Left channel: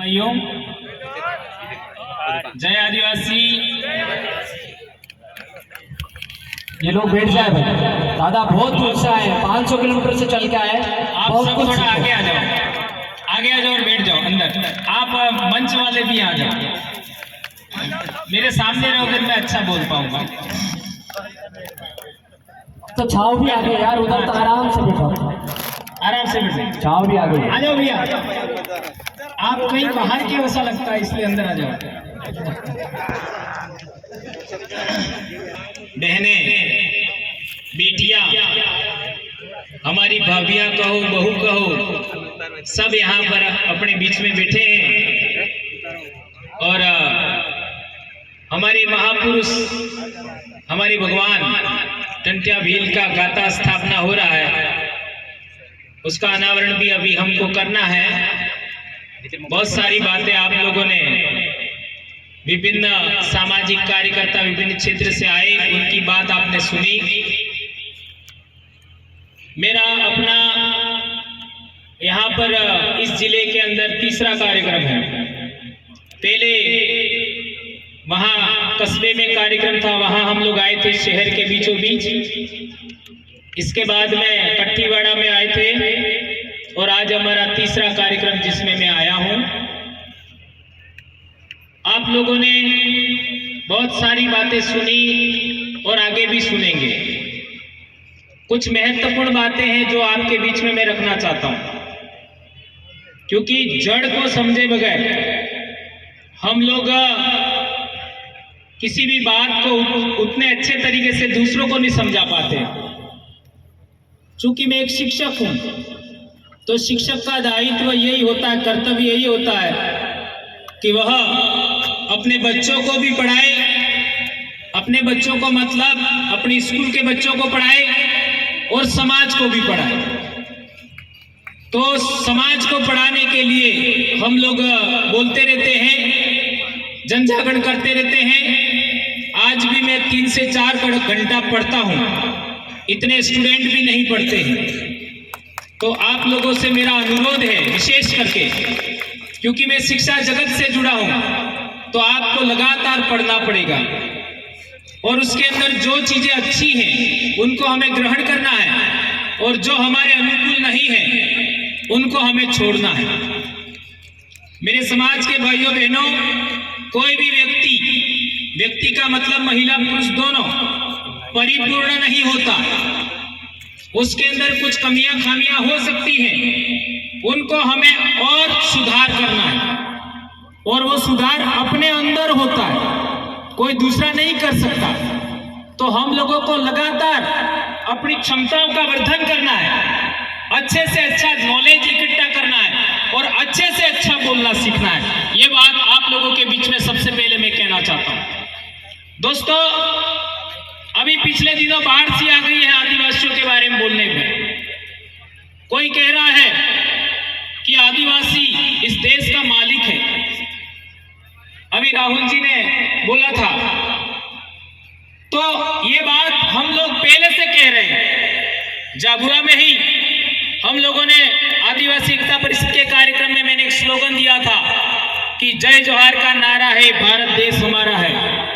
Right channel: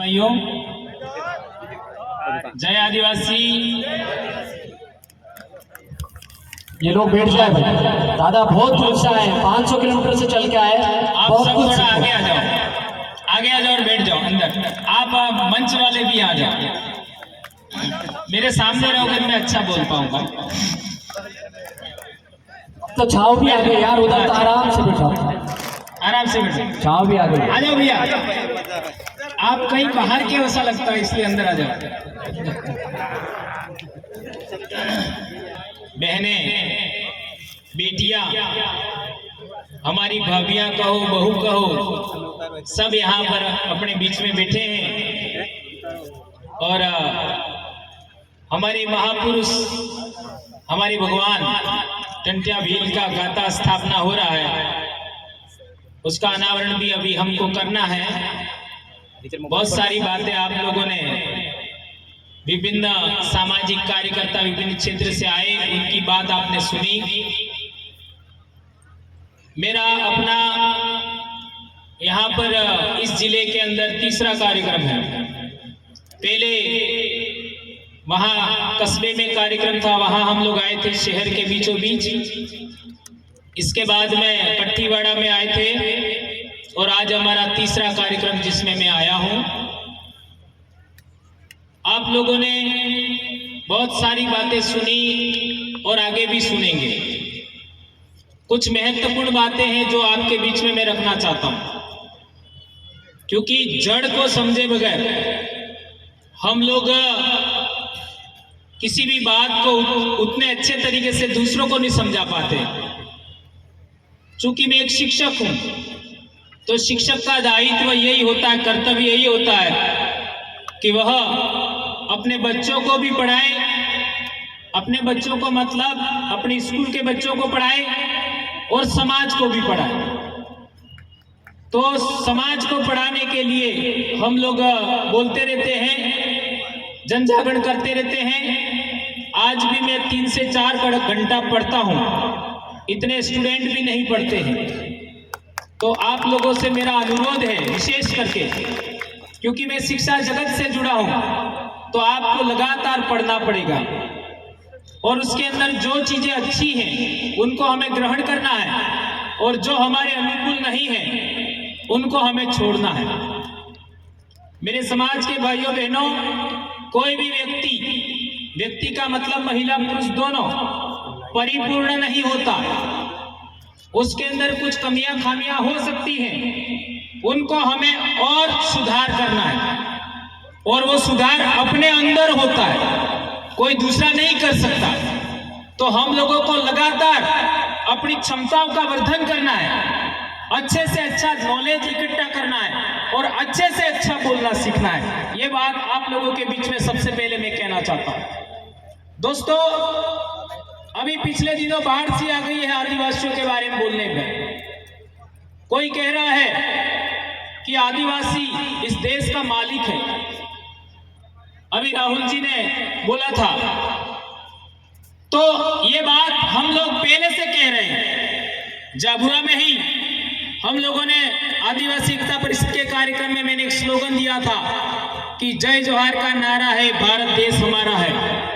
भाइयों, जय आदिवासी। ये लोग बैठ जाए भाई, दादा बहुत दूर से आए, 500 किलोमीटर से चल के आए। आप सब थोड़ा आगे आ जाओ, आगे आ जाओ और बैठ जाओ अंदर। आप मंच वाले भी आ जाओ, मेरे सामने रहोगे मैं अच्छा बोल पाऊंगा। तो छाव भी आ गई यार, उधर तो आराम से बैठो, आराम से बैठो। छाव भी आ गई। आ जाओ भैया, आप कहीं बाहर के वैसा लगता है इसलिए अंदर आ जाओ। बहने, बेटियां, हमारी भाभियां कहो, बहू कहो, सब यहाँ पर अपने बीच में बैठे हैं। और हमारे महापुरुष, हमारे भगवान टंट्या भील का गाथा स्थापना हो रहा है, उसका अनावरण भी अभी हमको करना है। बहुत सारी बातें आप लोगों ने, विभिन्न सामाजिक कार्यकर्ता विभिन्न क्षेत्र से आए, उनकी बात आपने सुनी। मेरा अपना यहाँ पर इस जिले के अंदर तीसरा कार्यक्रम है। पहले वहाँ कस्बे में कार्यक्रम था, वहाँ हम लोग आए थे शहर के बीचों बीच। इसके बाद में कट्टीवाड़ा में आए थे और आज हमारा तीसरा कार्यक्रम जिसमें मैं आया हूँ। आप लोगों ने बहुत सारी बातें सुनी और आगे भी सुनेंगे। कुछ महत्वपूर्ण बातें हैं जो आपके बीच में मैं रखना चाहता हूँ, क्योंकि जड़ को समझे बगैर हम लोग किसी भी बात को उतने अच्छे तरीके से दूसरों को नहीं समझा पाते। चूंकि मैं एक शिक्षक हूं, तो शिक्षक का दायित्व यही होता है, कर्तव्य यही होता है कि वह अपने बच्चों को भी पढ़ाए, अपने बच्चों को मतलब अपने स्कूल के बच्चों को पढ़ाए और समाज को भी पढ़ाए। तो समाज को पढ़ाने के लिए हम लोग बोलते रहते हैं, जन जागरण करते रहते हैं। आज भी मैं 3 से 4 घंटा पढ़ता हूं, इतने स्टूडेंट भी नहीं पढ़ते हैं। तो आप लोगों से मेरा अनुरोध है, विशेष करके क्योंकि मैं शिक्षा जगत से जुड़ा हूं, तो आपको लगातार पढ़ना पड़ेगा और उसके अंदर जो चीजें अच्छी हैं उनको हमें ग्रहण करना है और जो हमारे अनुकूल नहीं है उनको हमें छोड़ना है। मेरे समाज के भाइयों बहनों, कोई भी व्यक्ति का मतलब महिला पुरुष दोनों परिपूर्ण नहीं होता। उसके अंदर कुछ कमियां खामियां हो सकती हैं, उनको हमें और सुधार करना है और वो सुधार अपने अंदर होता है, कोई दूसरा नहीं कर सकता। तो हम लोगों को लगातार अपनी क्षमताओं का वर्धन करना है, अच्छे से अच्छा नॉलेज इकट्ठा करना है और अच्छे से अच्छा बोलना सीखना है। ये बात आप लोगों के बीच में सबसे पहले मैं कहना चाहता हूं। दोस्तों, अभी पिछले दिनों बाढ़ सी आ गई है आदिवासियों के बारे में बोलने पर। कोई कह रहा है कि आदिवासी इस देश का मालिक है। अभी राहुल जी ने बोला था, तो ये बात हम लोग पहले से कह रहे हैं। झाबुआ में ही हम लोगों ने आदिवासी एकता परिषद के कार्यक्रम में मैंने एक स्लोगन दिया था कि जय जोहार का नारा है, भारत देश हमारा है।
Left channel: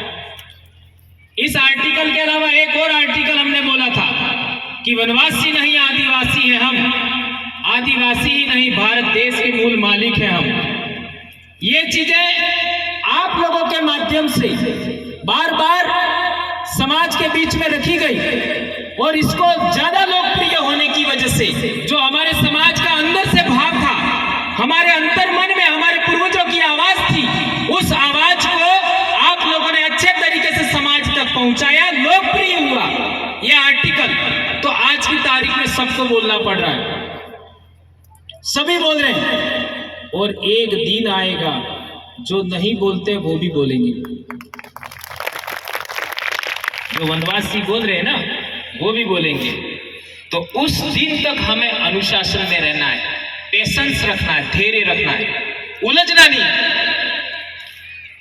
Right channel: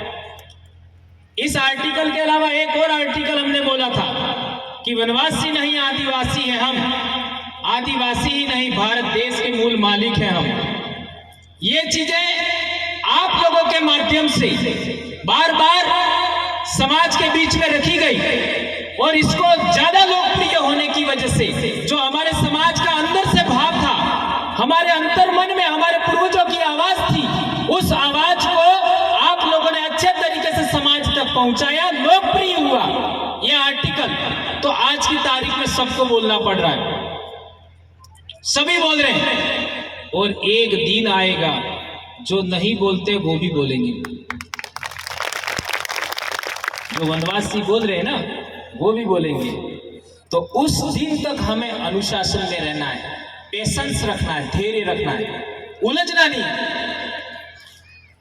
इस आर्टिकल के अलावा एक और आर्टिकल हमने बोला था कि वनवासी नहीं आदिवासी है हम, आदिवासी ही नहीं भारत देश के मूल मालिक है हम। ये चीजें आप लोगों के माध्यम से बार बार समाज के बीच में रखी गई और इसको ज्यादा लोकप्रिय होने की वजह से जो हमारे समाज का अंदर से भाव था, हमारे अंतर मन में हमारे पूर्वजों की आवाज थी, उस आवाज को आप लोगों ने अच्छे तरीके से समाज तक पहुंचाया, लोकप्रिय हुआ यह आर्टिकल। तो आज की तारीख में सबको बोलना पड़ रहा है, सभी बोल रहे हैं और एक दिन आएगा जो नहीं बोलते वो भी बोलेंगे। जो वनवासी बोल रहे हैं ना, वो भी बोलेंगे। तो उस दिन तक हमें अनुशासन में रहना है, पेशेंस रखना है, धैर्य रखना है, उलझना नहीं।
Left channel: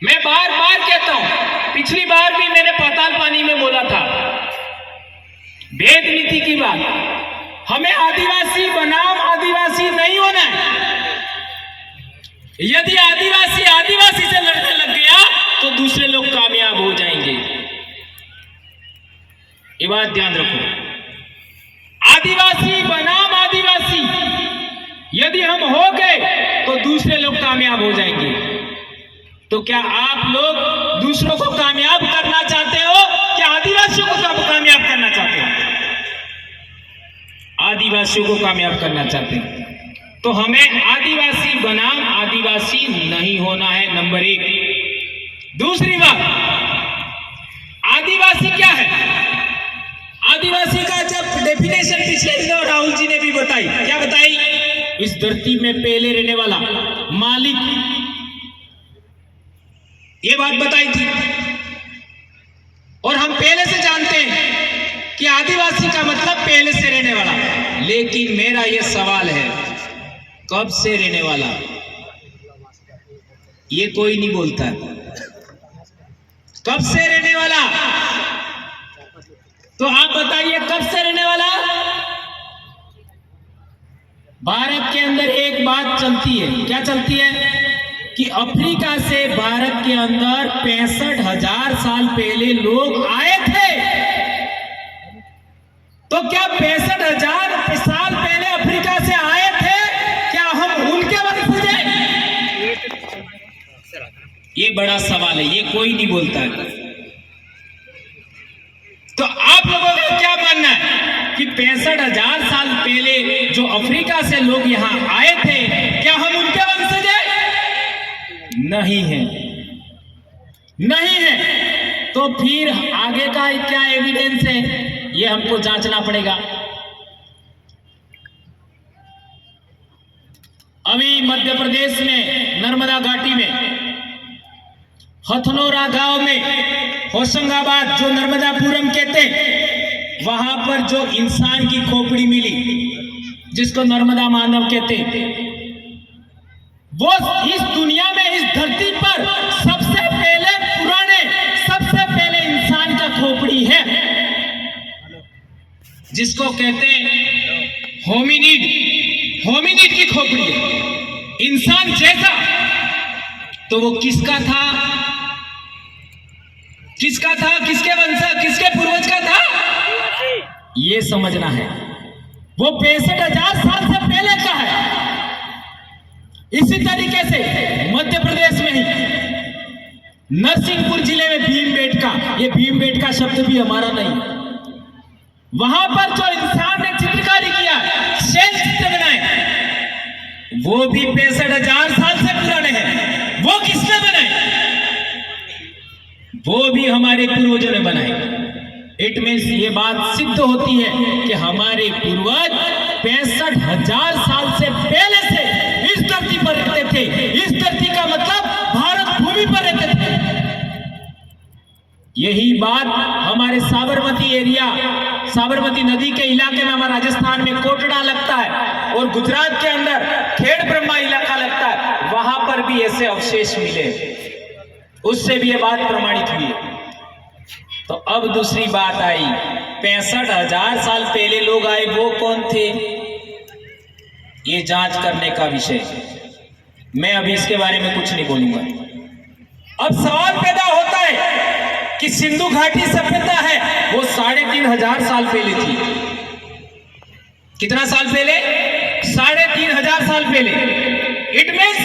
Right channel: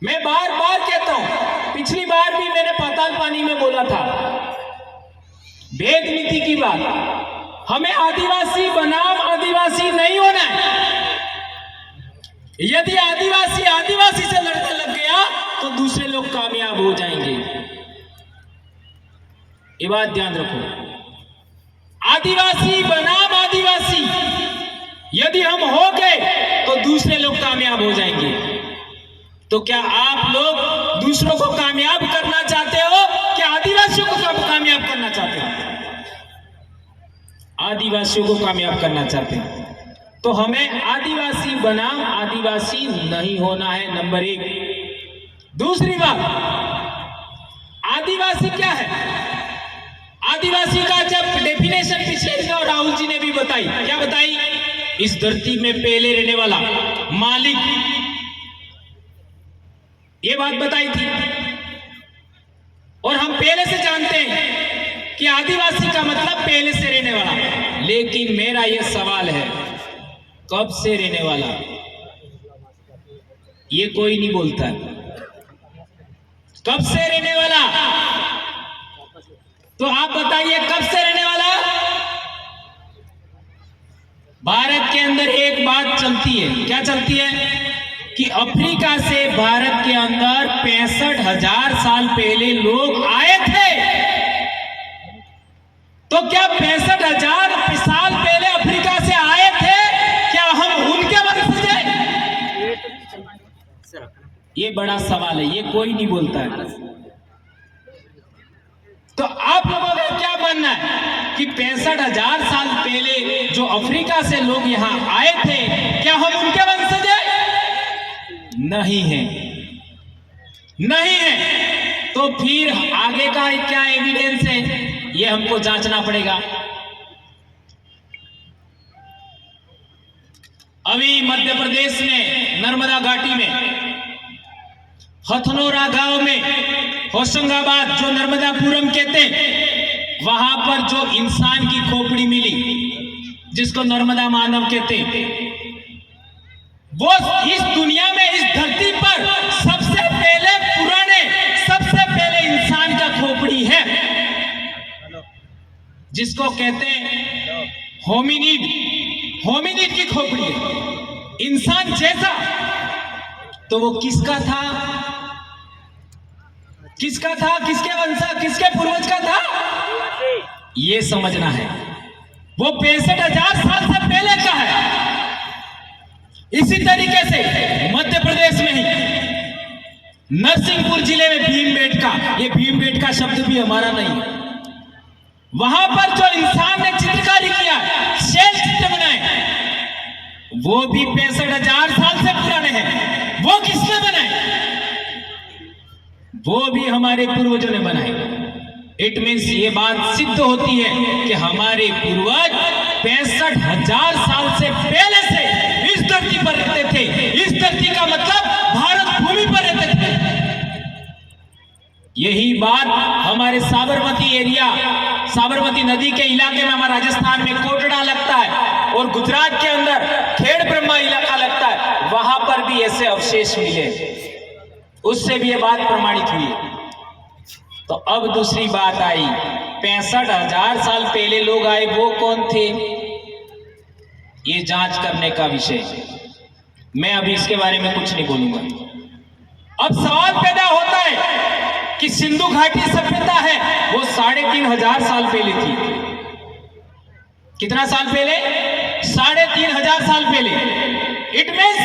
मैं बार बार कहता हूं, पिछली बार भी मैंने पाताल पानी में बोला था, भेद नीति की बात। हमें आदिवासी बनाम आदिवासी नहीं होना है। यदि आदिवासी आदिवासी से लड़ने लग गया तो दूसरे लोग कामयाब हो जाएंगे। ये बात ध्यान रखो। आदिवासी बनाम आदिवासी यदि हम हो गए तो दूसरे लोग कामयाब हो जाएंगे। तो क्या आप लोग दूसरों को कामयाब करना चाहते हो कि आदिवासियों को कामयाब करना चाहते हो? आदिवासियों को कामयाब करना चाहते हैं। तो हमें आदिवासी बनाम आदिवासी नहीं होना है, नंबर 1। दूसरी बात, आदिवासी क्या है? आदिवासी का जब डेफिनेशन पिछले दिनों राहुल जी ने भी बताई, क्या बताई? इस धरती में पहले रहने वाला मालिक, ये बात बताई थी। और हम पहले से जानते हैं कि आदिवासी का मतलब पहले से रहने वाला। लेकिन मेरा यह सवाल है, कब से रहने वाला? ये कोई नहीं बोलता। कब से रहने वाला? तो आप बताइए, कब से रहने वाला? भारत के अंदर एक बात चलती है, क्या चलती है? कि अफ्रीका से भारत के अंदर 65,000 साल पहले लोग आए थे। तो क्या 65,000 साल पहले अफ्रीका से आए थे, क्या हम उनके वंशज हैं? ये बड़ा सवाल है, ये कोई नहीं बोलता है। तो आप लोगों को क्या मानना है कि 65,000 साल पहले जो अफ्रीका से लोग यहां आए थे, क्या हम उनके वंशज हैं? नहीं है, नहीं है। तो फिर आगे का क्या एविडेंस है, ये हमको जांचना पड़ेगा। अभी मध्य प्रदेश में नर्मदा घाटी में हथनोरा गांव में होशंगाबाद, जो नर्मदापुरम कहते हैं, वहां पर जो इंसान की खोपड़ी मिली, जिसको नर्मदा मानव कहते हैं, वो इस दुनिया में, इस धरती पर सबसे पहले पुराने, सबसे पहले इंसान का खोपड़ी है, जिसको कहते हैं होमिनिड। होमिनिड की खोपड़ी है, इंसान जैसा। तो वो किसका था? किसका था? किसके वंश, किसके पूर्वज का था? ये समझना है। वो 65,000 साल से पहले का है। इसी तरीके से मध्य प्रदेश में ही नरसिंहपुर जिले में भीमबेटका, ये भीमबेटका शब्द भी हमारा नहीं है, वहां पर जो इंसान ने चित्रकारी किया, शैल चित्र बनाए, वो भी 65,000 साल से पुराने हैं। वो किसने बनाए? वो भी हमारे पूर्वजों ने बनाए। इट मीन्स ये बात सिद्ध होती है कि हमारे पूर्वज 65,000 साल से पहले से इस धरती पर रहते थे। इस धरती का मतलब भारत भूमि पर रहते थे। यही बात हमारे साबरमती एरिया, साबरमती नदी के इलाके में, हमारा राजस्थान में कोटड़ा लगता है और गुजरात के अंदर खेड़ ब्रह्मा इलाका लगता है, वहां पर भी ऐसे अवशेष मिले, उससे भी ये बात प्रमाणित हुई। तो अब दूसरी बात आई, 65,000 साल पहले लोग आए, वो कौन थे? ये जांच करने का विषय। मैं अभी इसके बारे में कुछ नहीं बोलूंगा। अब सवाल पैदा होता है कि सिंधु घाटी सभ्यता है, वो 3,500 साल पहले थी। कितना साल पहले? 3,500 साल पहले। इट मीन्स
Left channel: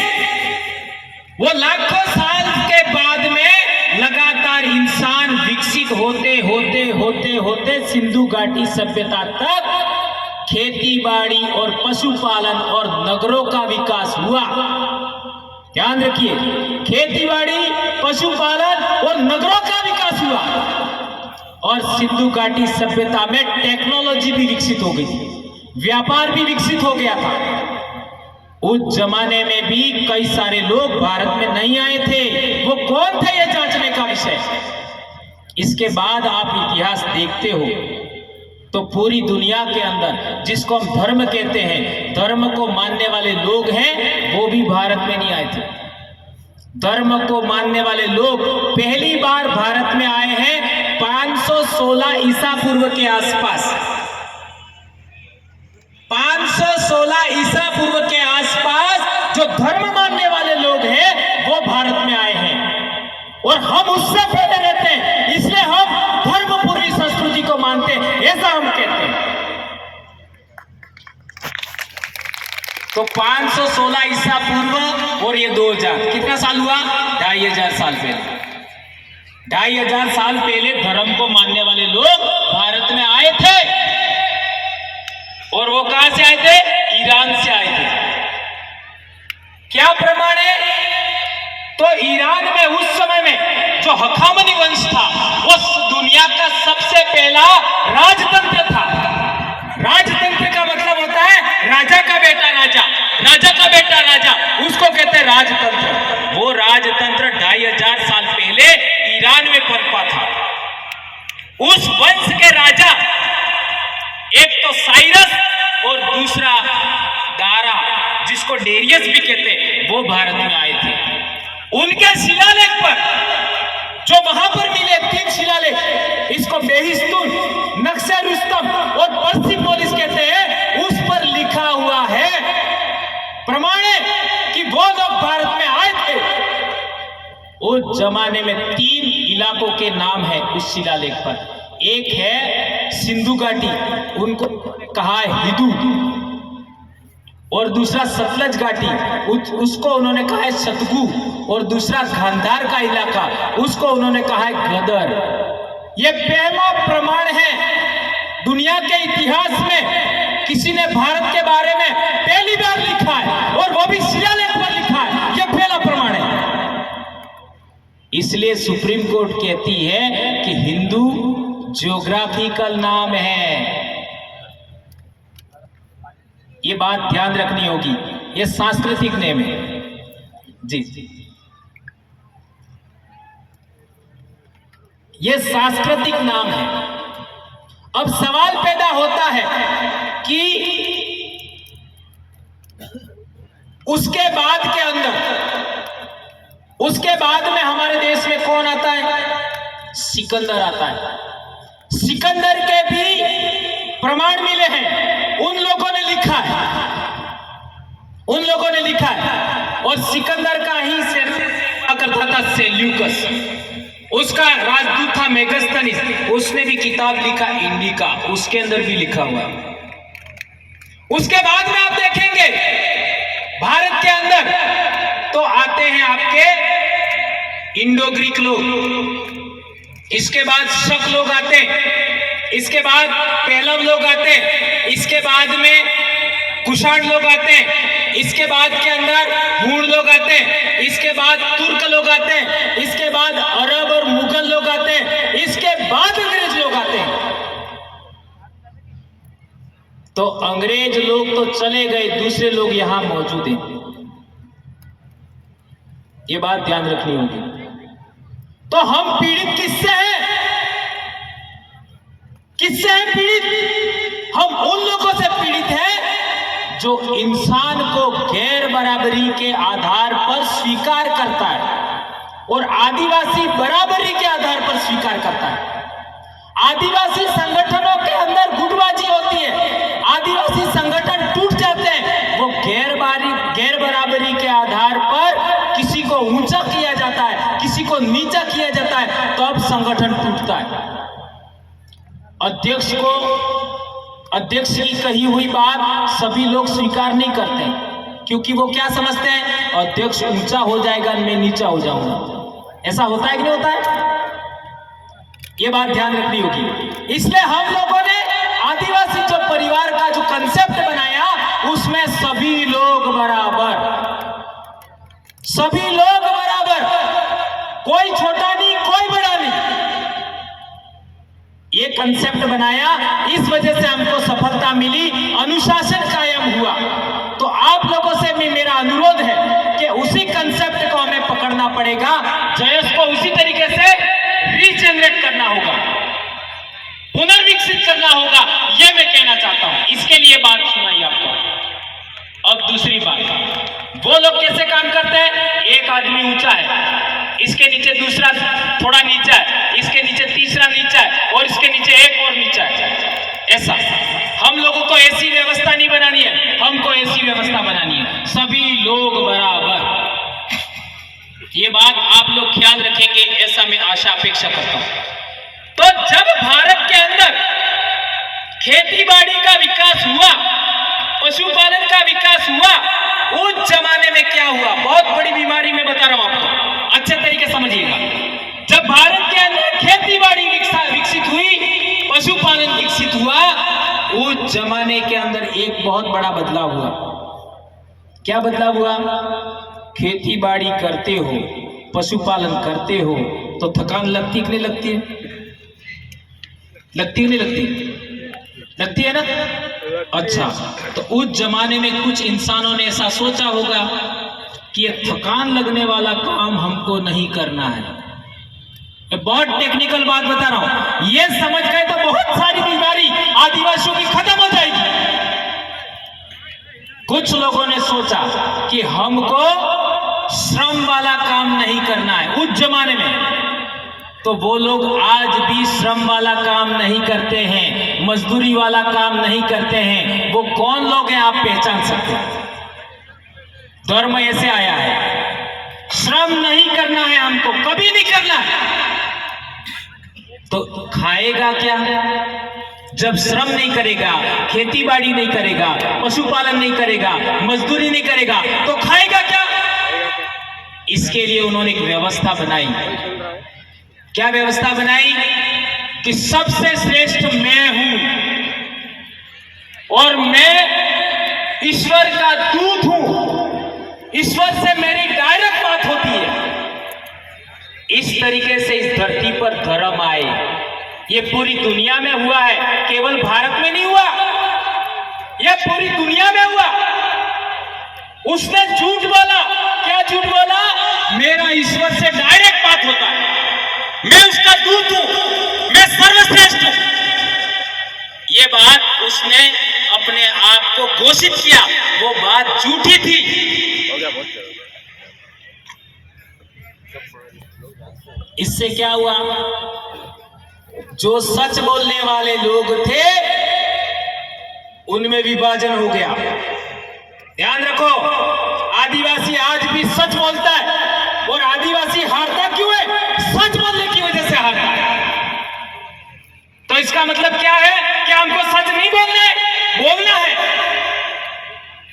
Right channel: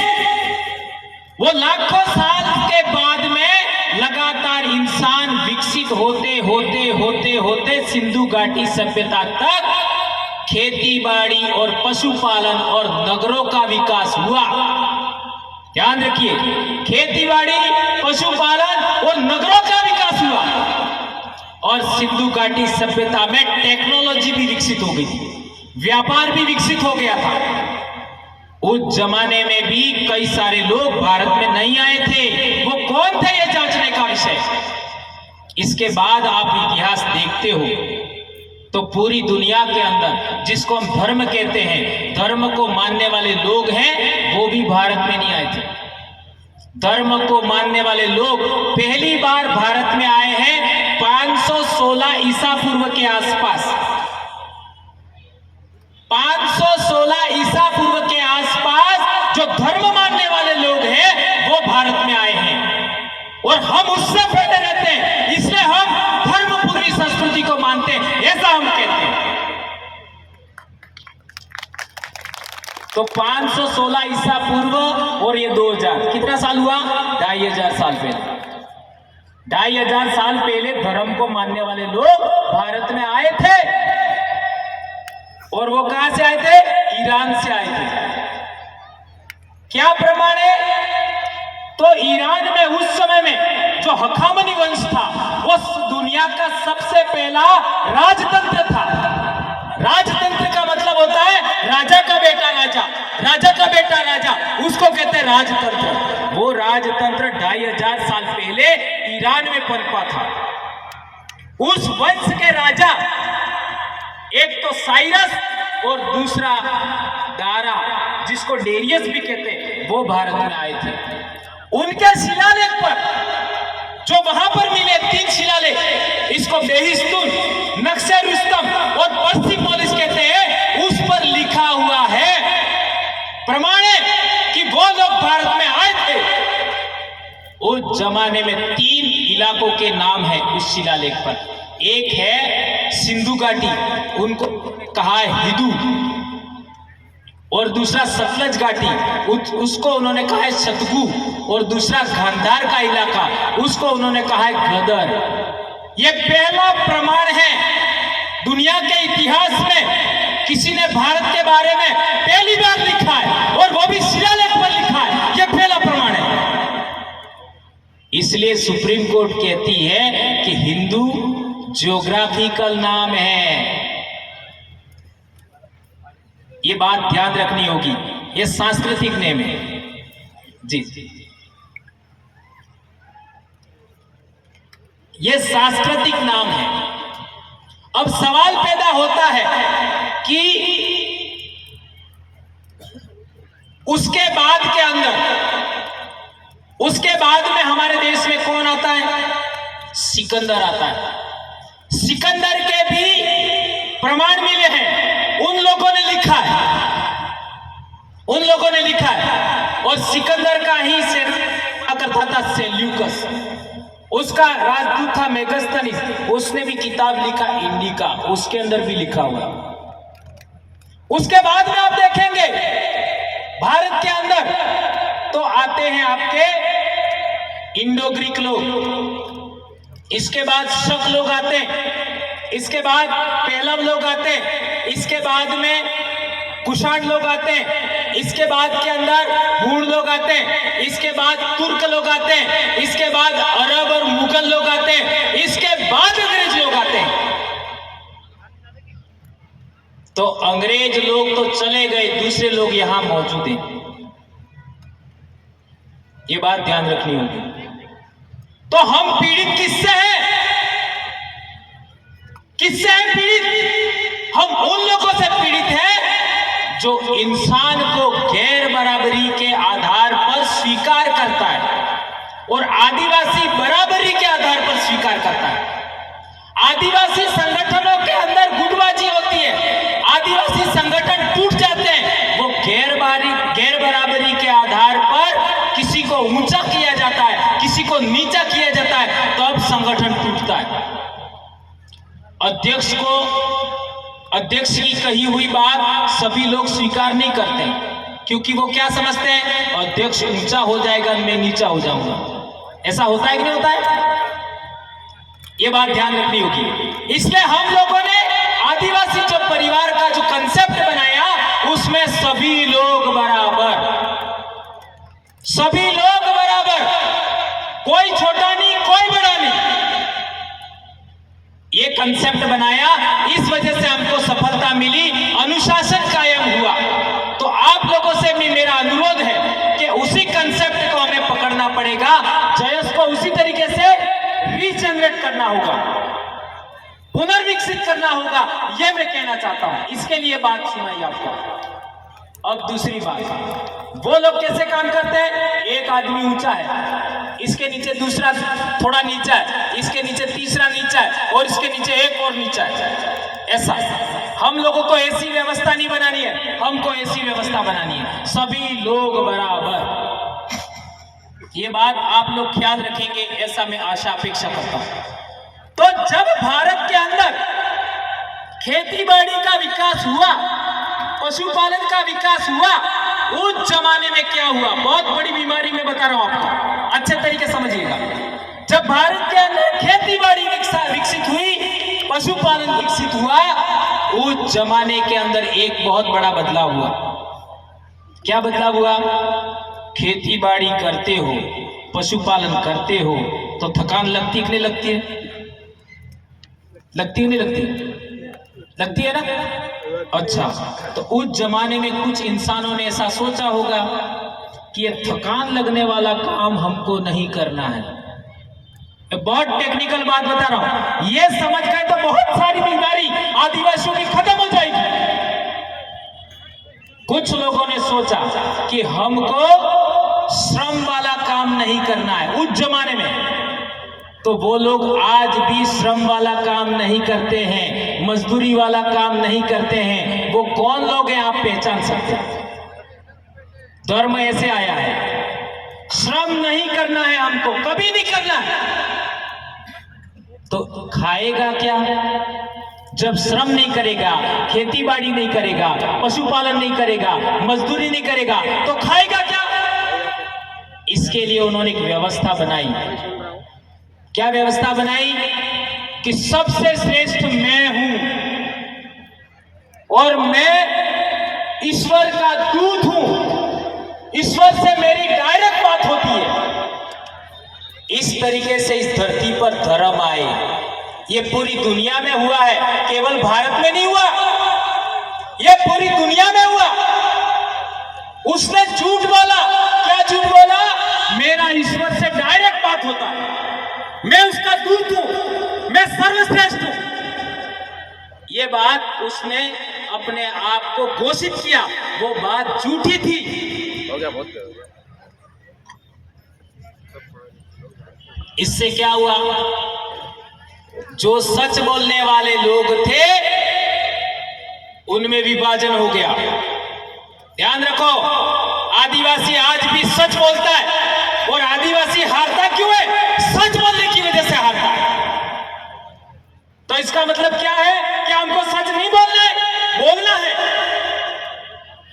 वो लाखों साल के बाद में लगातार इंसान विकसित होते होते होते होते सिंधु घाटी सभ्यता तक खेती बाड़ी और पशुपालन और नगरों का विकास हुआ। ध्यान रखिए, खेती बाड़ी, पशुपालन और नगरों का विकास हुआ। और सिंधु घाटी सभ्यता में टेक्नोलॉजी भी विकसित हो गई थी, व्यापार भी विकसित हो गया था। उस जमाने में भी कई सारे लोग भारत में नहीं आए थे। वो कौन थे, ये जांचने का विषय। इसके बाद आप इतिहास देखते हो तो पूरी दुनिया के अंदर जिसको हम धर्म कहते हैं, धर्म को मानने वाले लोग हैं, वो भी भारत में नहीं आए थे। धर्म को मानने वाले लोग पहली बार भारत में आए हैं 516 ईसा पूर्व के आसपास। 516 ईसा पूर्व के आसपास जो धर्म मानने वाले भारत में आए हैं और हम उससे पहले रहते हैं, इसलिए हम धर्मपूर्वी संस्कृति को मानते हैं, ऐसा हम कहते हैं। तो 516 ईसा पूर्व और ये 2000 कितना साल हुआ? 2500 साल पहले। 2500 साल पहले धर्म को मानने वाले लोग भारत में आए थे और वो कहां से आए थे? ईरान से आए थे। क्या प्रमाण है? तो ईरान में उस समय में जो हखामनी वंश था वो दुनिया का सबसे पहला राजतंत्र था। राजतंत्र का मतलब होता है राजा का बेटा राजा, राजा का बेटा राजा, उसको कहते हैं राजतंत्र। वो राजतंत्र 2500 साल पहले ईरान में पनपा था। उस वंश के राजा एक तो साइरस और दूसरा दारा, जिसको डेरियस भी कहते हैं, वो भारत में आए थे। उनके शिलालेख पर जो वहां पर मिले 3 शिलालेख, इसको बेहिस्तून, नक्शे रुस्तम और पर्सिपोलिस कहते हैं, उस पर लिखा हुआ है, प्रमाण है कि वो लोग भारत में आए थे। उस जमाने में 3 इलाकों के नाम है उस शिलालेख पर। एक है सिंधु घाटी, उनको कहा है हिदू, और दूसरा सतलज घाटी, उसको उन्होंने कहा है सतगु, और दूसरा गांधार का इलाका, उसको उन्होंने कहा है गदर। ये पहला प्रमाण है दुनिया के इतिहास में किसी ने भारत के बारे में पहली बार लिखा है, और वो भी शिलालेख पर लिखा है। ये पहला प्रमाण है। इसलिए सुप्रीम कोर्ट कहती है कि हिंदू ज्योग्राफिकल नाम है। ये बात ध्यान रखनी होगी, ये सांस्कृतिक नेम है जी। ये सांस्कृतिक नाम है। अब सवाल पैदा होता है कि उसके बाद के अंदर, उसके बाद में हमारे देश में कौन आता है? सिकंदर आता है। सिकंदर के भी प्रमाण मिले हैं, उन लोगों ने लिखा है, उन लोगों ने लिखा है। और सिकंदर का ही सेना करता था सेल्यूकस, उसका राजदूत था मेगस्थनीस, उसने भी किताब लिखा इंडिका, उसके अंदर भी लिखा हुआ। उसके बाद में आप देखेंगे भारत के अंदर तो आते हैं आपके इंडो ग्रीक लोग, इसके बाद शक लोग आते हैं, इसके बाद पेलव लोग आते हैं, इसके बाद में कुषाण लोग आते हैं, इसके बाद के अंदर हूण लोग आते हैं, इसके बाद तुर्क लोग आते हैं, इसके बाद अरब और मुगल लोग आते हैं, इसके बाद अंग्रेज लोग आते हैं। तो अंग्रेज लोग तो चले गए, दूसरे लोग यहां मौजूद हैं। ये बात ध्यान रखनी होगी। तो हम पीड़ित किससे हैं? किससे हैं पीड़ित? हम उन लोगों से पीड़ित हैं जो इंसान को गैर बराबरी के आधार पर स्वीकार करता है और आदिवासी बराबरी के आधार पर स्वीकार करता है। आदिवासी संगठनों के अंदर गुटबाजी होती है, आदिवासी संगठन टूट जाते हैं, वो गैर बराबरी के आधार पर किसी को ऊंचा किया जाता है, किसी को नीचा किया जाता है, तो अब संगठन टूटता है। अध्यक्ष की कही हुई बात सभी लोग स्वीकार नहीं करते, क्योंकि वो क्या समझते हैं? अध्यक्ष ऊंचा हो जाएगा, मैं नीचा हो जाऊंगा। ऐसा होता है कि नहीं होता है? ये बात ध्यान रखनी होगी। इसलिए हम लोगों ने आदिवासी जो परिवार का जो कंसेप्ट बनाया, उसमें सभी लोग बराबर, सभी लोग बराबर, कोई छोटा नहीं, कोई बड़ा नहीं, ये कंसेप्ट बनाया। इस वजह से हमको सफलता मिली, अनुशासन कायम हुआ। तो आप लोगों से भी मेरा अनुरोध है कि उसी कंसेप्ट को हमें पकड़ना पड़ेगा, जयस को उसी तरीके से रीजनरेट करना होगा, पुनर्विकसित करना होगा, यह मैं कहना चाहता हूं। इसके लिए बात सुनाई आपको। अब दूसरी बात, वो लोग कैसे काम करते हैं? एक आदमी ऊंचा है, इसके नीचे दूसरा थोड़ा नीचा है, इसके नीचे तीसरा नीचा है, और इसके नीचे एक और नीचा है। ऐसा हम लोगों को ऐसी व्यवस्था नहीं बनानी है, हमको ऐसी व्यवस्था बनानी है, सभी लोग बराबर। ये बात आप लोग ख्याल रखेंगे, ऐसा मैं आशा अपेक्षा करता हूं। तो जब भारत के अंदर खेती-बाड़ी का विकास हुआ, पशुपालन का विकास हुआ, उस जमाने में क्या हुआ, बहुत बड़ी बीमारी में बता रहा हूं आपको, अच्छे तरीके समझिएगा। जब भारत के अंदर खेती-बाड़ी विकसित हुई, पशुपालन विकसित हुआ, उस जमाने के अंदर एक बहुत बड़ा बदलाव हुआ। क्या बदलाव हुआ? खेती बाड़ी करते हो, पशुपालन करते हो तो थकान लगती कि नहीं लगती है? लगती है नहीं लगती? लगती है ना? अच्छा, तो उस जमाने में कुछ इंसानों ने ऐसा सोचा होगा कि ये थकान लगने वाला काम हमको नहीं करना है। बहुत टेक्निकल बात बता रहा हूं, ये समझ गए तो बहुत सारी बीमारी आदिवासियों की खत्म हो जाएगी। कुछ लोगों ने सोचा कि हमको श्रम वाला काम नहीं करना है उस जमाने में, तो वो लोग आज भी श्रम वाला काम नहीं करते हैं, मजदूरी वाला काम नहीं करते हैं। वो कौन लोग हैं आप पहचान सकते हैं? धर्म ऐसे आया है, श्रम नहीं करना है हमको, कभी नहीं करना है। तो खाएगा क्या? जब श्रम नहीं करेगा, खेती बाड़ी नहीं करेगा, पशुपालन नहीं करेगा, मजदूरी नहीं करेगा, तो खाएगा क्या? इसके लिए उन्होंने एक व्यवस्था बनाई। क्या व्यवस्था बनाई? कि सबसे श्रेष्ठ मैं हूं और मैं ईश्वर का दूत हूं, ईश्वर से मेरी डायरेक्ट बात होती है। इस तरीके से इस धरती पर धर्म आए। ये पूरी दुनिया में हुआ है, केवल भारत में नहीं हुआ, यह पूरी दुनिया में हुआ। उसने झूठ बोला। क्या झूठ बोला? मेरा ईश्वर से डायरेक्ट बात होता है, मैं उसका दूत हूं, मैं सर्वश्रेष्ठ हूं। ये बात उसने अपने आप को घोषित किया, वो बात झूठी थी। इससे क्या हुआ? जो सच बोलने वाले लोग थे उनमें विभाजन हो गया। ध्यान रखो, आदिवासी आज भी सच बोलता है, और आदिवासी हारता क्यों है? सच बोलने की वजह से हारता है। तो इसका मतलब क्या है कि हमको सच नहीं बोलना है, बोलना है।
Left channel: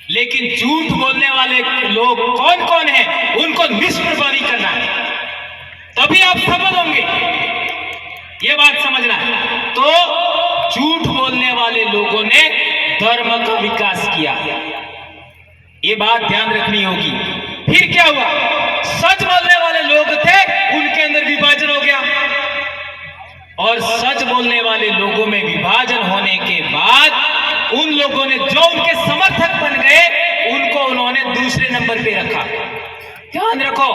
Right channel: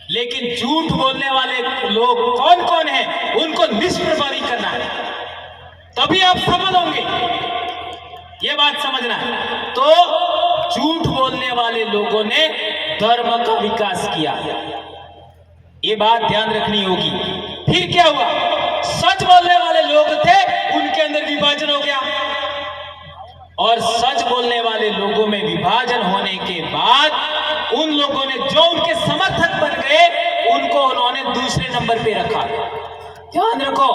लेकिन झूठ बोलने वाले लोग कौन कौन है, उनको निष्प्रभावी करना है, तभी आप सफल होंगे। ये बात समझना है। तो झूठ बोलने वाले लोगों ने धर्म का विकास किया, ये बात ध्यान रखनी होगी। फिर क्या हुआ? सच बोलने वाले लोग थे, उनके अंदर विभाजन हो गया, और सच बोलने वाले लोगों में विभाजन होने के बाद उन लोगों ने जो उनके समर्थक बन गए, उनको उन्होंने दूसरे नंबर पे रखा। ध्यान रखो,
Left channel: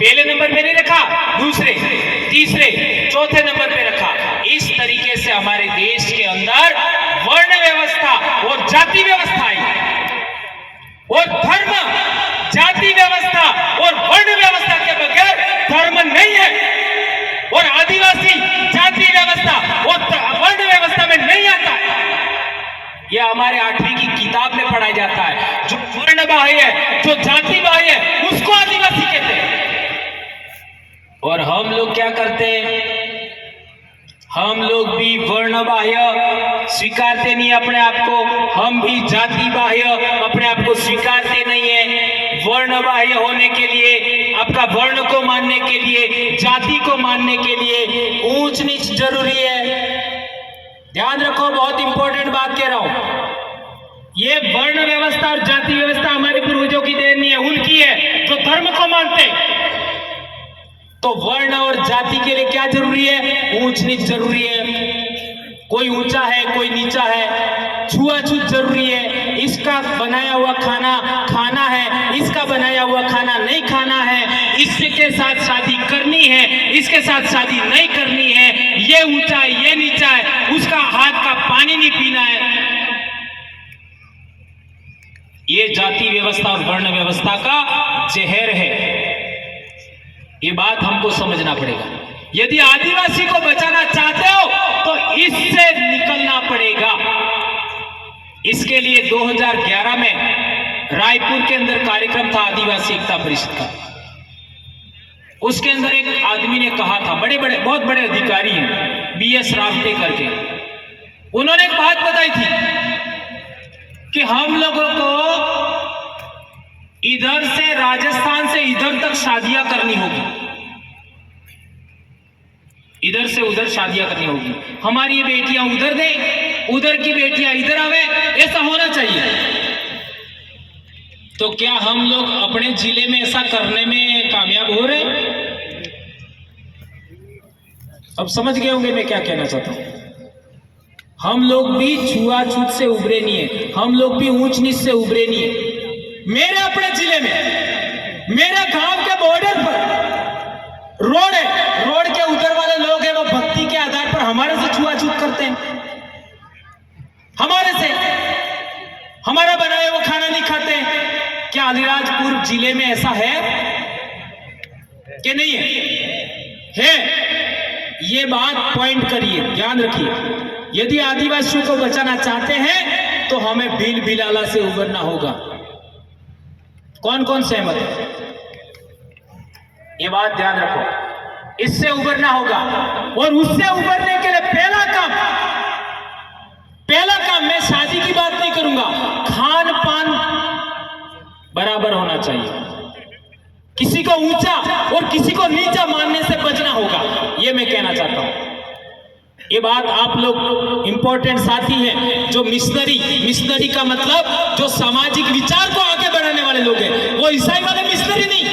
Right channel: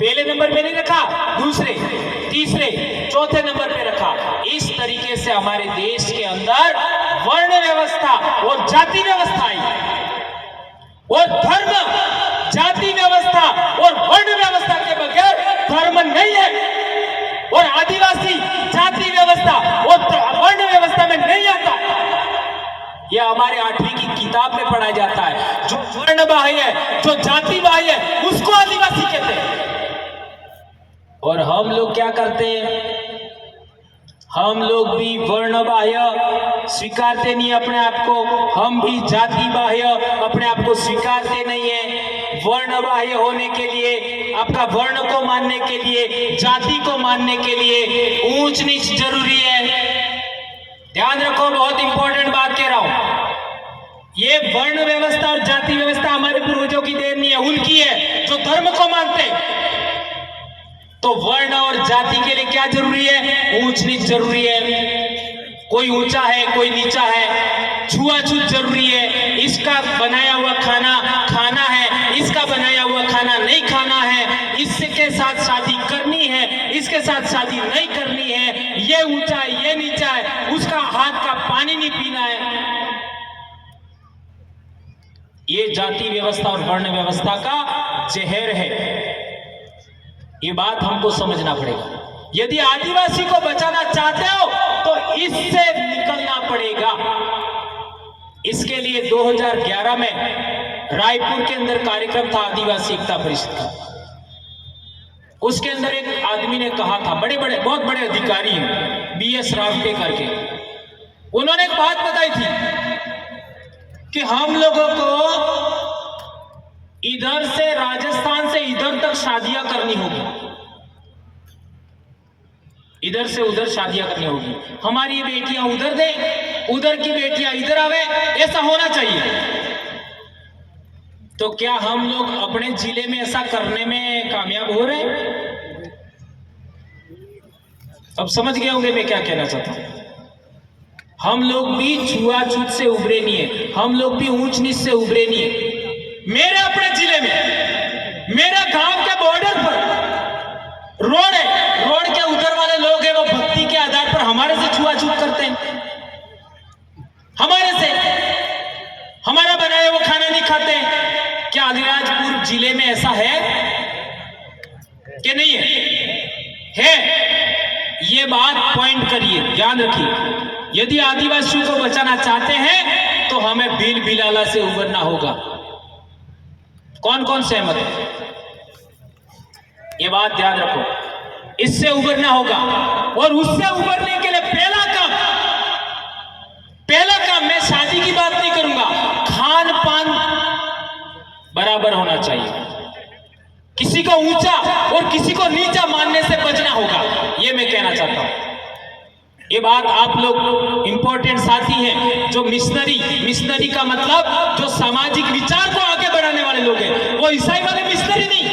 पहले नंबर पे नहीं रखा, दूसरे, तीसरे, चौथे नंबर पे रखा। इस तरीके से हमारे देश के अंदर वर्ण व्यवस्था और जाति व्यवस्था आई, और धर्म, जाति व्यवस्था और वर्ण व्यवस्था के बगैर धर्म नहीं है, और आदिवासी जाति व्यवस्था और वर्ण व्यवस्था में नहीं आता। यह हमारे 8वीं की किताब में पढ़ाया जाता है। जो वर्ण बाह्य है, जो जाति बाह्य है, उसको आदिवासी कहते हैं। और हम लोग क्या करते हैं? हम लोग भी वर्ण बाह्य स्वीकारते नहीं अपने आप को, हम भी जाति बाह्य अपने आप को स्वीकारते नहीं है। वर्ण बाह्य होने के लिए, आपका वर्ण को मानने के लिए, जाति को मानने के लिए ऊंच नीच जरूरी है। ध्यान रखो, बहुत इंपॉर्टेंट बात कह रहा हूं। ये वर्ण व्यवस्था और जाति व्यवस्था हमारे पूर्वजों की देन नहीं है, उनकी है, जो धर्म को मानते। तो वर्ण और जाति के लिए क्या जरूरी है? ऊंच नीच जरूरी है। कोई ऊंचा है, कोई नीचा है, छुआछूत जरूरी है। इसका बनाया हुआ खाना खाना है, इसका बनाया हुआ खाना नहीं खाना है, इसके साथ शादी करनी है, इसके साथ शादी नहीं करनी है, ये ऊंचा है, ये नीचा है, उसका हाथ का पानी नहीं पीना है। ये जाति व्यवस्था और वर्ण व्यवस्था का जहर है। ये बात हमको समझना पड़ेगा। यदि आदिवासी को बचाना चाहते हो तो इससे निकलना पड़ेगा। इसके लिए 2011 में रायपुर के अंदर कार्यक्रम था आदिवासी एकता परिषद का। उसके अंदर एक आदमी ने कहा था, बहुत बड़े अधिकारी हैं, बीएस रावते करके, उन्होंने एक बात बताई थी कि हम लोगों को इधर से राजस्थान से इधर तक शादियां करनी होगी, इधर से उधर शादियां करनी होगी, हमारी ये बेटियां उधर दें, उधर की बेटियां इधर आवे, ऐसा होना चाहिए। तो क्या हम लोग अपने जिले में ऐसा करने में कामयाब हो रहे हैं? अब समझ गए होंगे मैं क्या कहना चाहता हूं। हम लोग भी छुआछूत से उभरे नहीं है, हम लोग भी ऊंच नीच से उभरे नहीं है। मेरे अपने जिले में, मेरे गांव के बॉर्डर पर रोड है, रोड के उधर वाले लोग हैं, वो भक्ति के आधार पर हमारे से छुआछूत करते हैं, हमारे से हमारा बनाया वो खाना नहीं खाते। क्या अलीराजपुर जिले में ऐसा है कि नहीं है? है। ये बात पॉइंट करिए, ध्यान रखिए। यदि आदिवासियों को बचाना चाहते हैं तो हमें भील भिलाला से उबरना होगा। कौन कौन सहमत है? ये बात ध्यान रखो, इससे उबरना होगा। और उससे उबरने के लिए पहला काम, मैं शादी की बात नहीं करूंगा, खान पान बराबर होना चाहिए। किसी को ऊंचा और किसी को नीचा मानने से बचना होगा, ये मैं कहना चाहता हूं। ये बात आप लोग इंपॉर्टेंट साथी हैं, जो मिशनरी का मतलब जो सामाजिक विचार को आगे बढ़ाने वाले लोग हैं, वो ईसाई वाले मिशनरी नहीं।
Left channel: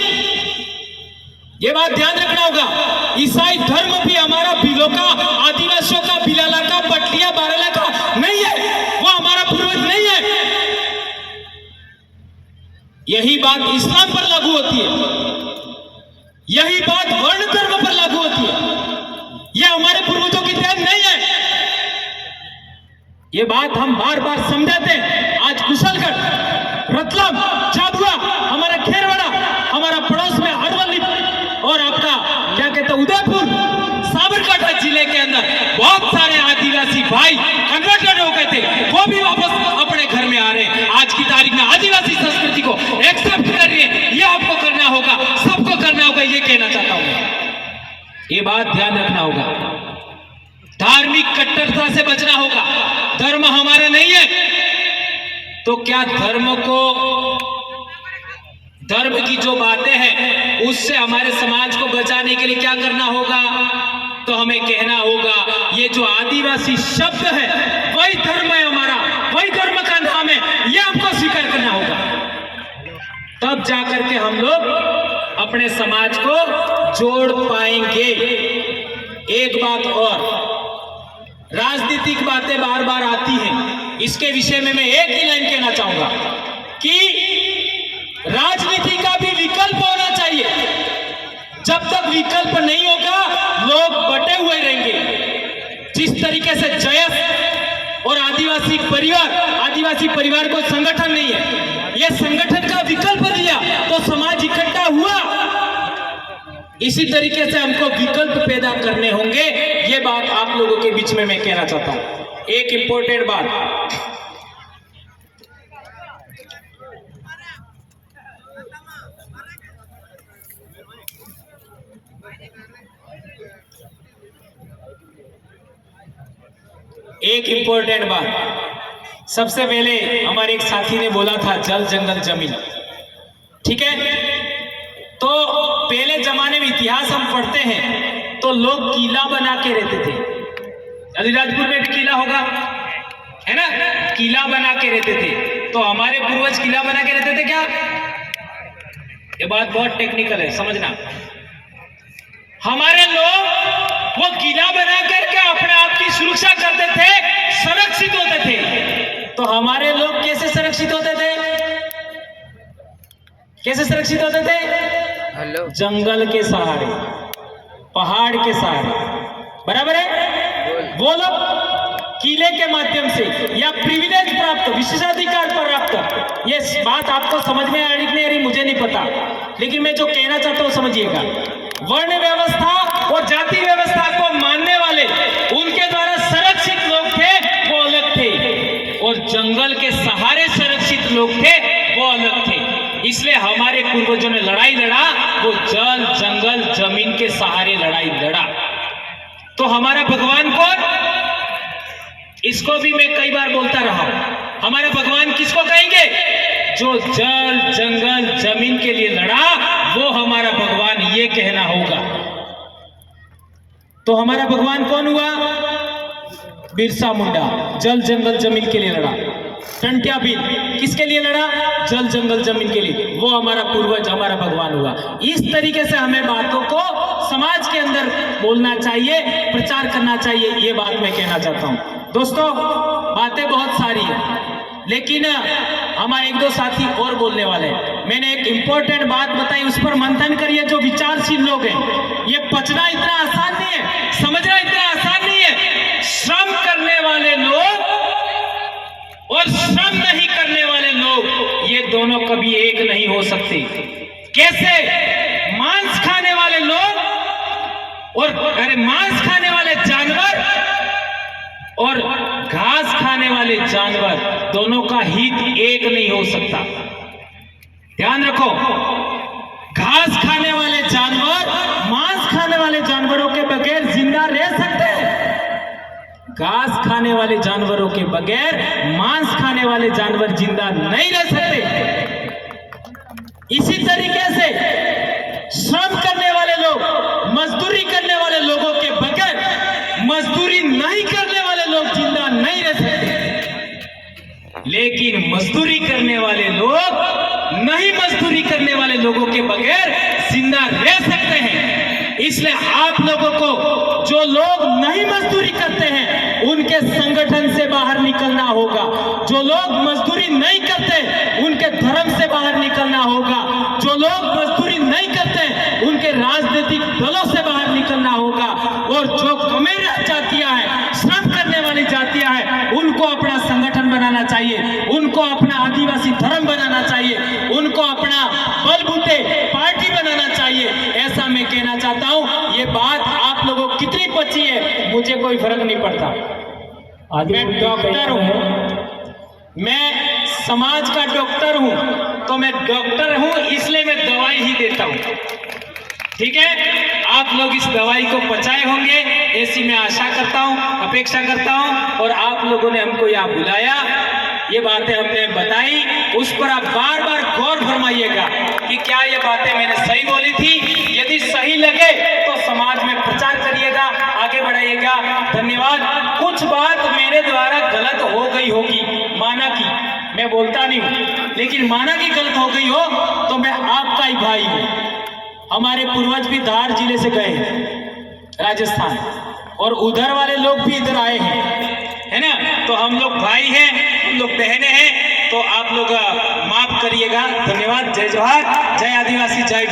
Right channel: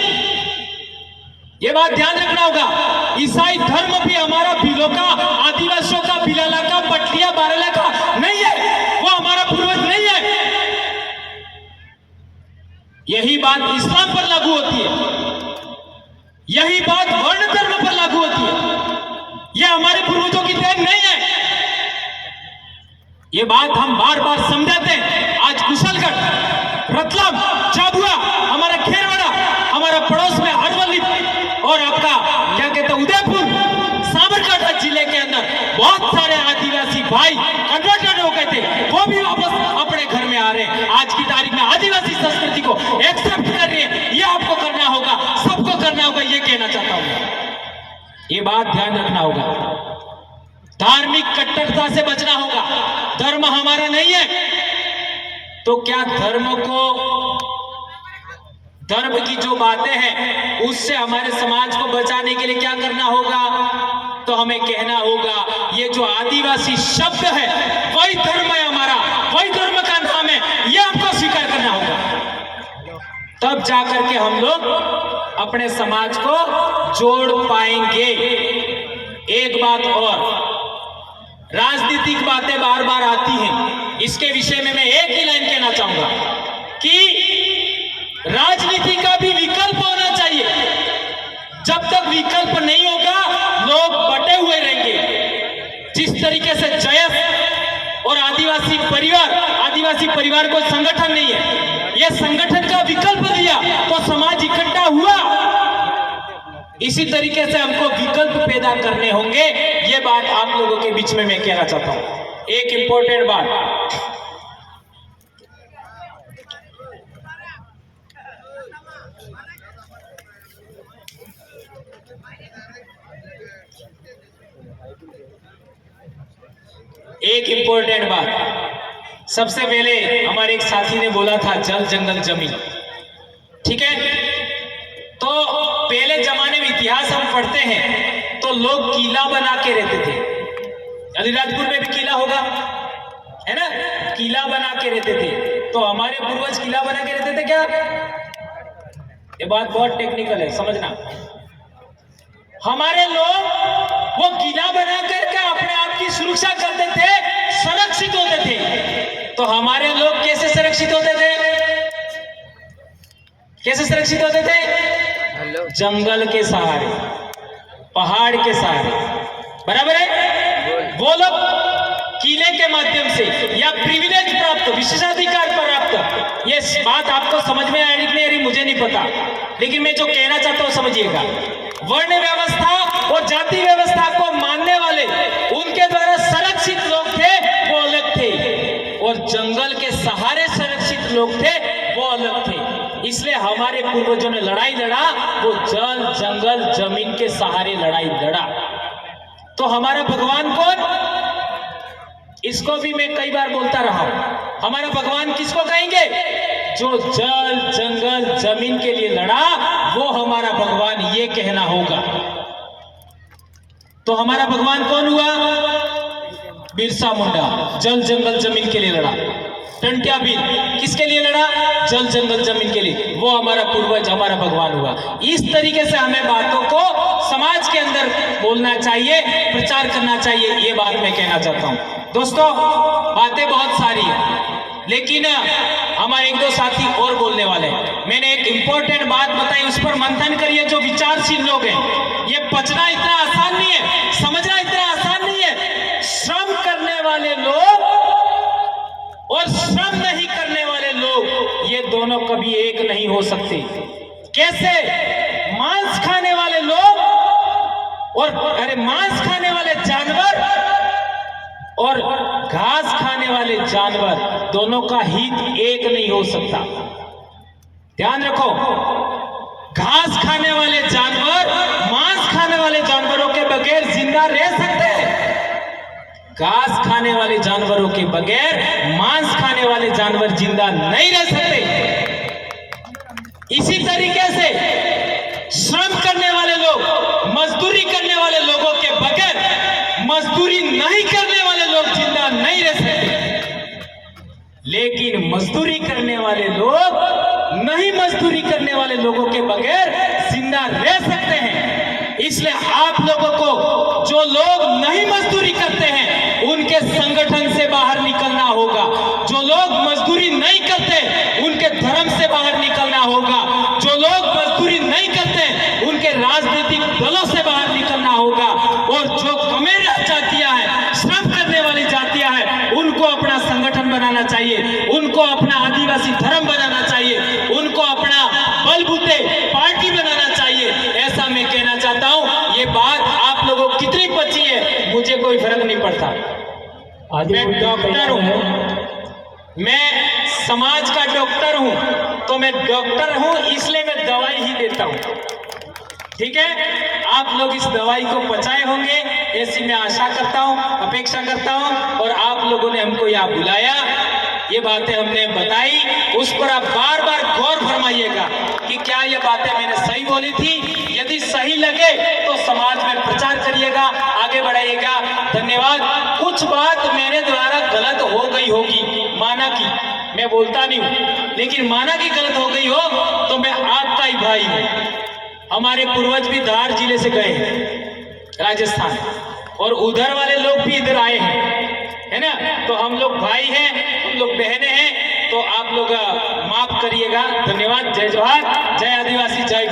ये बात ध्यान रखना होगा। ईसाई धर्म भी हमारा भीलों का, आदिवासियों का, भिलाला का, पटलिया बाराला का नहीं है, वो हमारा पूर्वज नहीं है। यही बात इस्लाम पर लागू होती है, यही बात वर्ण धर्म पर लागू होती है। यह हमारे पूर्वजों की देन नहीं है। यह बात हम बार बार समझाते हैं। आज कुशलगढ़, रतलाम, झाबुआ, हमारा खेरवाड़ा, हमारा पड़ोस में अरवली और आपका क्या कहते हैं उदयपुर, साबरकांठा जिले के अंदर बहुत सारे आदिवासी भाई कन्वर्टेड हो गए थे, वो भी वापस अपने घर में आ रहे हैं। आज की तारीख में आदिवासी संस्कृति को एक्सेप्ट कर रहे हैं। ये आपको करना होगा, सबको करना होगा, ये कहना चाहता हूं। ये बात ध्यान रखना होगा। धार्मिक कट्टरता से बचना होगा। धर्म हमारा नहीं है तो क्या धर्म की जो बातें हैं उससे हमारे समाज को बचाने के लिए क्या करना होगा? तो हमें कहना होगा ये जो आदिवासी शब्द है वही धर्म है हमारा, वही धर्म का नाम है, ये हमको स्वीकार करना होगा। तब जाकर के हम लोग अपने समाज को जोड़ पाएंगे। एक बात और, राजनीतिक बातें बार बार आती हैं, इसके विषय में मैं एक ही लाइन कहना चाहूंगा कि राजनीति का भी विकल्प होना चाहिए। जब तक विकल्प नहीं होगा लोग बटे हुए रहेंगे। जिस तरीके से जयस और आदिवासी परिवार को संगठन नहीं है, यह संगठन का विकल्प दिया तो समाज इकट्ठा हुआ। इसी तरीके से हमको विकल्प पैदा करने होंगे। यह बात आप लोगों के बीच में मैं कहना चाहता हूं। एक इंपॉर्टेंट बात, सबसे पहले हमारे एक साथी ने बोला था जल जंगल जमीन, ठीक है? तो पहले जमाने में इतिहास हम पढ़ते हैं तो लोग किला बना के रहते थे। अलीराजपुर में भी किला होगा, है ना? किला बना के रहते थे। तो हमारे पूर्वज किला बना के रहते थे क्या? ये बात बहुत टेक्निकल है, समझना। हमारे लोग वो किला बना करके अपने आप की सुरक्षा करते थे, सुरक्षित होते थे। तो हमारे लोग कैसे सुरक्षित होते थे? कैसे सुरक्षित होते थे? जंगल के सहारे, पहाड़ के सहारे, बराबर है? वो लोग किले के माध्यम से या प्रिविलेज प्राप्त, विशेषाधिकार प्राप्त। ये बात आपको समझ में आ रही नहीं आ रही मुझे नहीं पता, लेकिन मैं जो कहना चाहता हूं समझिएगा। वर्ण व्यवस्था और जाति व्यवस्था को मानने वाले उनके द्वारा संरक्षित लोग थे, वो अलग थे, और जंगल के सहारे संरक्षित लोग थे, वो अलग थे। इसलिए हमारे पूर्वजों ने लड़ाई लड़ा, वो जल जंगल जमीन के सहारे लड़ाई लड़ा। तो हमारा भगवान कौन? इसको भी मैं कई बार बोलता रहा हूं, हमारा भगवान किसको कहेंगे? जो जल जंगल जमीन के लिए लड़ा, वो हमारा भगवान, ये कहना होगा। तो हमारा भगवान कौन हुआ? बिरसा मुंडा, जल जंगल जमीन के लिए लड़ा। टंट्या भील किसके लिए लड़ा? जल जंगल जमीन के लिए। वो हमारा पूर्वज, हमारा भगवान हुआ। इस तरीके से हमें बातों को समाज के अंदर बोलना चाहिए, प्रचार करना चाहिए, ये बात मैं कहना चाहता हूं। दोस्तों, बातें बहुत सारी है, लेकिन हमारे एक दो साथी और बोलने वाले हैं। मैंने एक इंपॉर्टेंट बात बताई, उस पर मंथन करिए। जो विचारशील लोग हैं, ये पचना इतना आसान नहीं है, समझना इतना आसान नहीं है। श्रम करने वाले लोग और श्रम नहीं करने वाले लोग, ये दोनों कभी एक नहीं हो सकते। कैसे? मांस खाने वाले लोग और मांस खाने वाले जानवर और घास खाने वाले जानवर, दोनों का हित एक नहीं हो सकता। ध्यान रखो, घास खाने वाले जानवर मांस खाने वाले जानवरों के बगैर जिंदा रह सकते हैं। घास खाने वाले जानवरों के बगैर मांस खाने वाले जानवर जिंदा नहीं रह सकते। इसी तरीके से श्रम करने वाले लोग, मजदूरी करने वाले लोगों के बगैर मजदूरी नहीं करने वाले लोग जिंदा नहीं रह सकते। लेकिन मजदूरी करने वाले लोग नहीं मजदूरी करने वाले लोगों के बगैर जिंदा रह सकते हैं। इसलिए आप लोगों को, जो लोग नहीं मजदूरी करते हैं, उनके संगठन से बाहर निकलना होगा। जो लोग मजदूरी नहीं करते, उनके धर्म से बाहर निकलना होगा। जो लोग मजदूरी नहीं करते, उनके राजनीतिक दलों से बाहर निकलना होगा। और जो कमेर जातियां हैं, श्रम करने वाली जातियां हैं, उनको अपना संगठन बनाना चाहिए, उनको अपना आदिवासी धर्म बनाना चाहिए, उनको अपना बलबूते पार्टी बनाना चाहिए। ऐसा मैं कहना चाहता हूं। ये बात आप लोगों को कितनी पची है, मुझे कोई फर्क नहीं पड़ता। मैं डॉक्टर हूं, मैं समाज का डॉक्टर हूं, तो मैं डॉक्टर हूं, इसलिए मैं दवाई ही देता हूं। ठीक है, आप लोग इस दवाई को पचाए होंगे, ऐसी मैं आशा करता हूं, अपेक्षा करता हूं। और आप लोगों ने हमको यहाँ बुलाया, ये बातें हमने बताई, उस पर आप बार बार गौर फरमाइएगा कि क्या ये बातें मैंने सही बोली थी। यदि सही लगे तो समाज में प्रचार करिएगा, आगे बढ़ाइएगा। धन्यवाद। कुछ बात मेरे द्वारा गलत हो गई होगी, माना कि मैं बोलता नहीं हूं, लेकिन माना कि गलत हो गई हो तो मैं आपका ही भाई हूं। हमारे पूर्वज भी धार जिले से गए हैं राजस्थान, और उधर वाले लोग भी इधर आए हैं, है ना। तो हम लोग भाई हैं, हम लोग बहनें हैं, तो आप लोग माफ करिएगा। धन्यवाद। जय जोहार, जय आदिवासी, जय